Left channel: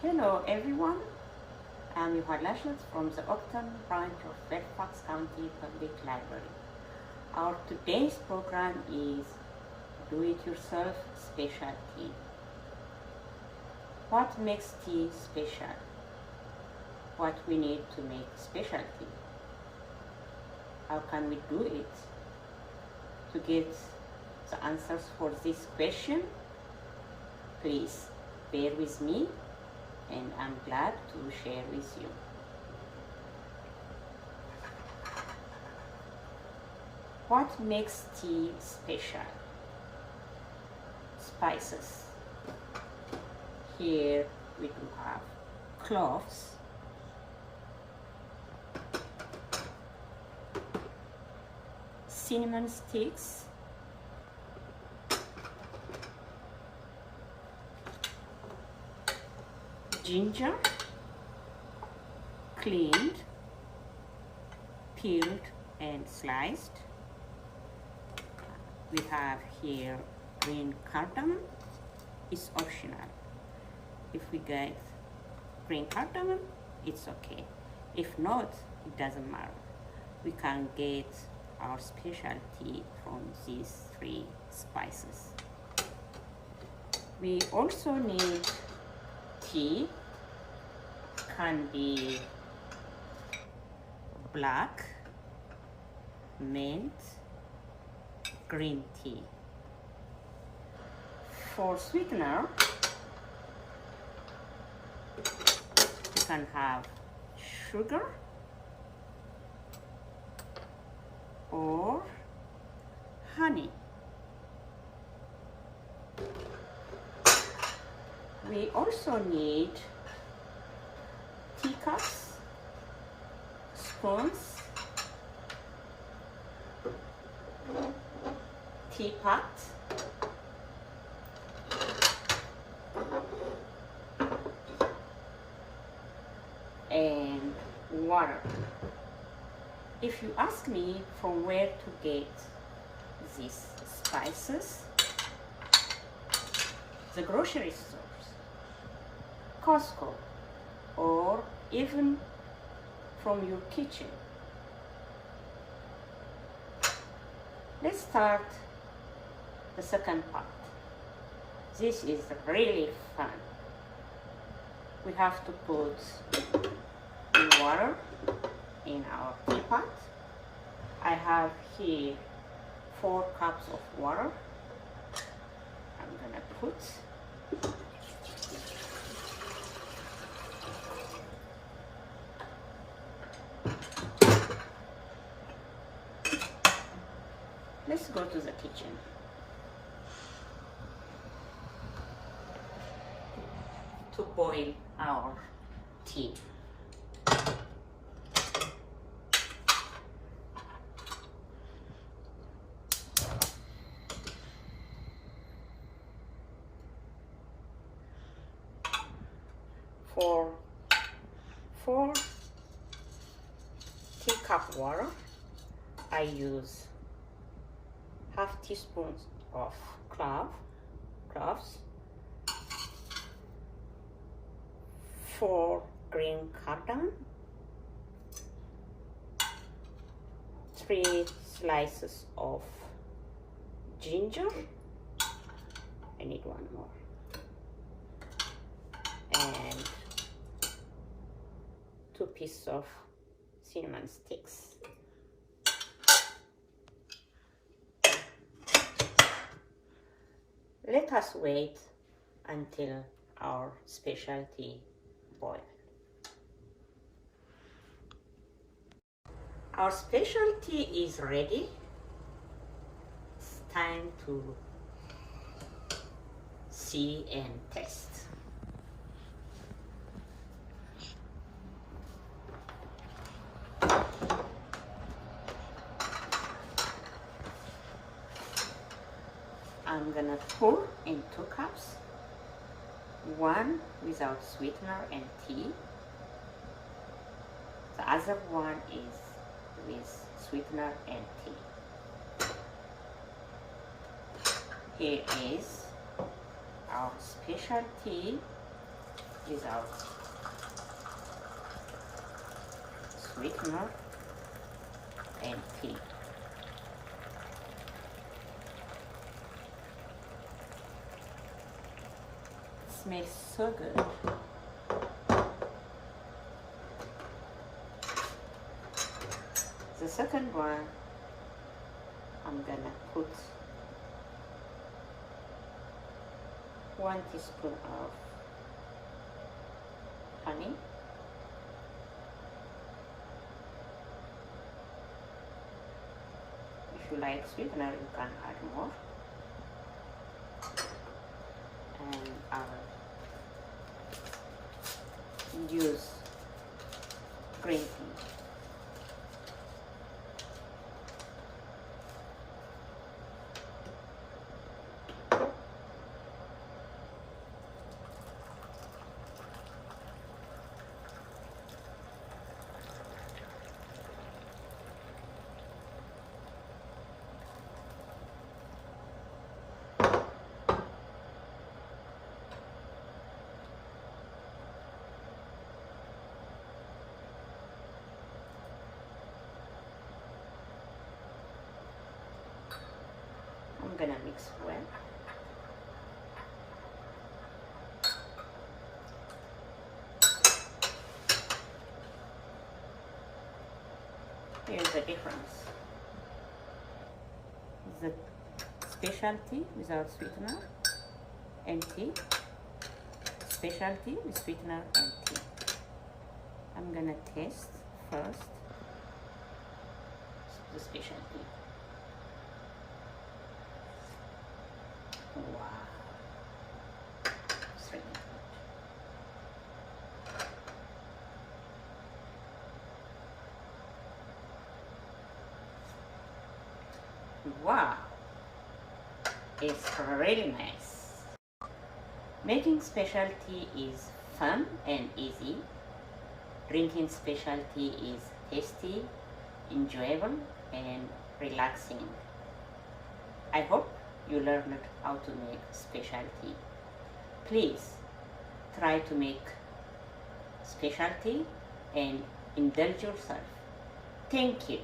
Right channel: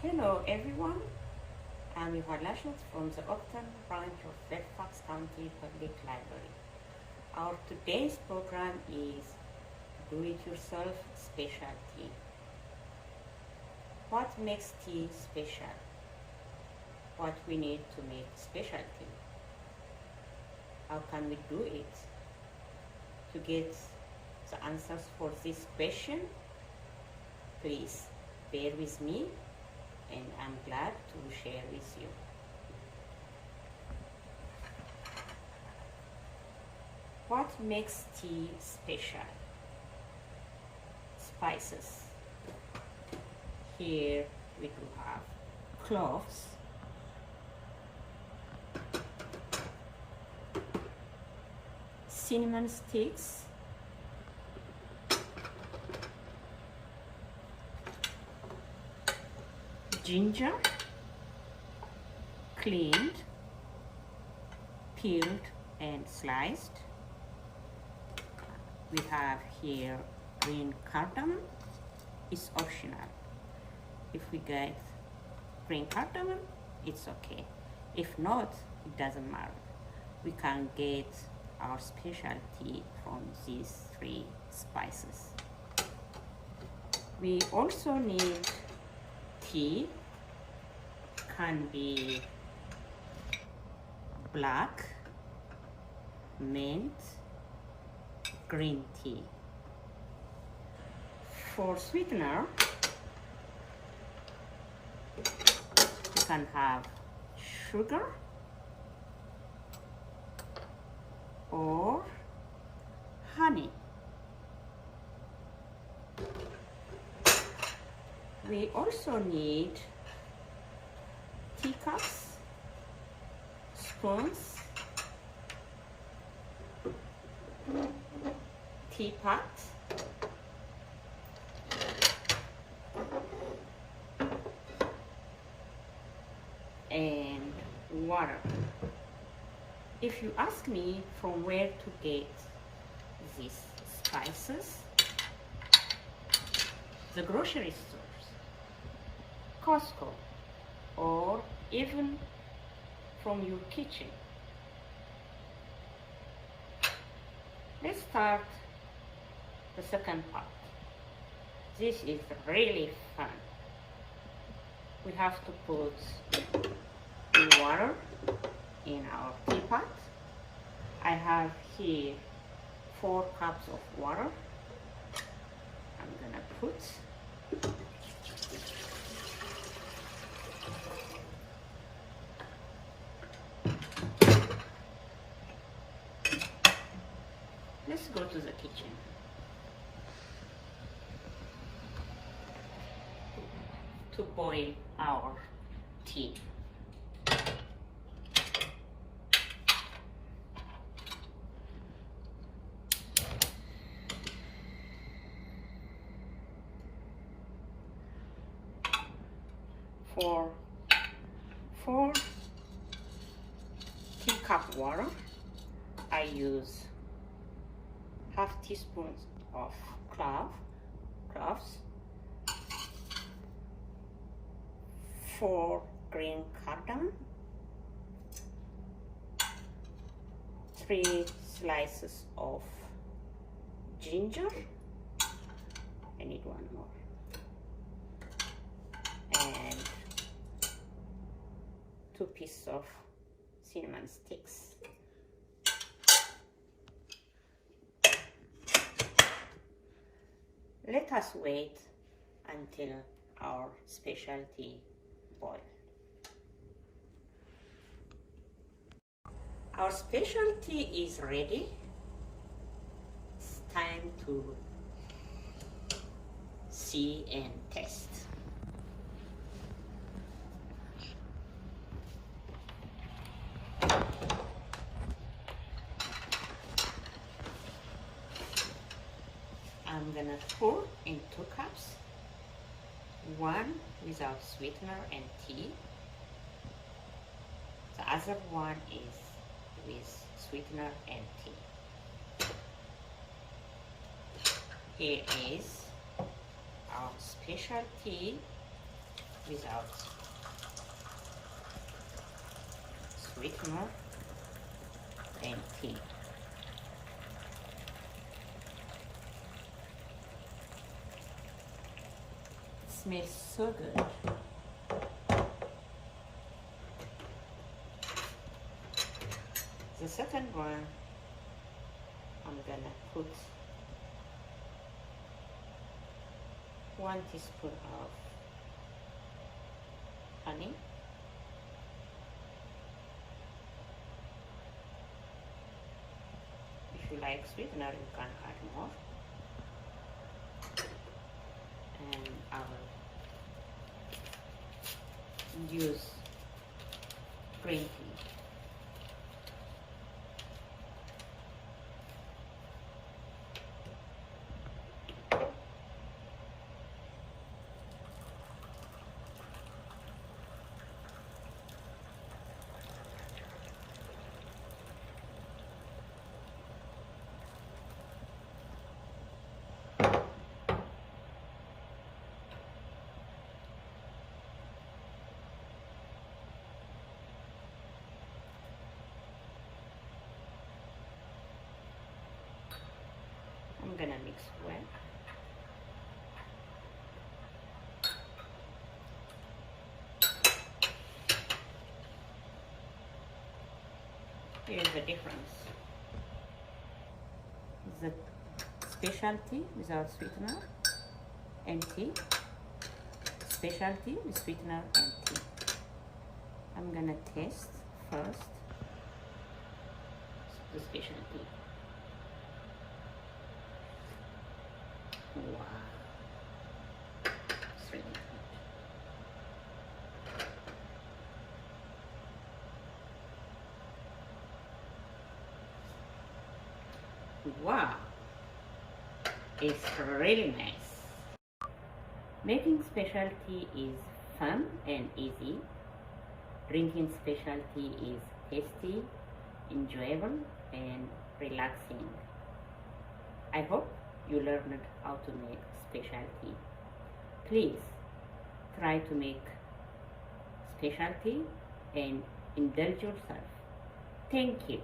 Hello everyone, I'm Yohad Lashlot from the Octon branch of Fairfax County Public Library. Our today's program is Do-It-Yourself Special Tea. What makes tea special? What we need to make special tea? How can we do it? To get the answers for this question, please bear with me, and I'm glad to share with you. What makes tea special? Spices. Here we do have cloves, cinnamon sticks, ginger, cleaned, peeled and sliced. We have here green cardamom. It's optional. If we get green cardamom, it's okay. If not, it doesn't matter. We can get our specialty from these three spices. We also need tea. Can be black, mint, green tea. For sweetener, you can have sugar or honey. We also need teacups, spoons, teapot, and water. If you ask me from where to get these spices, the grocery stores, Costco, or even from your kitchen. Let's start the second part. This is really fun. We have to put the water in our teapot. I have here 4 cups of water. I'm gonna put Let's go to the kitchen. To boil our tea. For 4 teacup water, I use half teaspoon of cloves, 4 green cardamom, 3 slices of ginger. I need one more, and 2 pieces of cinnamon sticks. Let us wait until our specialty boil. Our specialty is ready. It's time to see and taste. I'm gonna pour in 2 cups, 1 without sweetener and tea. The other one is with sweetener and tea. Here is our special tea without sweetener and tea. It smells so good. The second one, I'm gonna put 1 teaspoon of honey, if you like sweetener you can add more, and I'll use green tea. I'm gonna mix well. Here's the difference. The specialty without sweetener and tea, specialty with sweetener and tea. I'm gonna taste first the specialty. Wow, it's really good. Wow, it's really nice. Making specialty is fun and easy. Drinking specialty is tasty, enjoyable, and relaxing. I hope you learned how to make specialty. Please try to make specialty and indulge yourself. Thank you.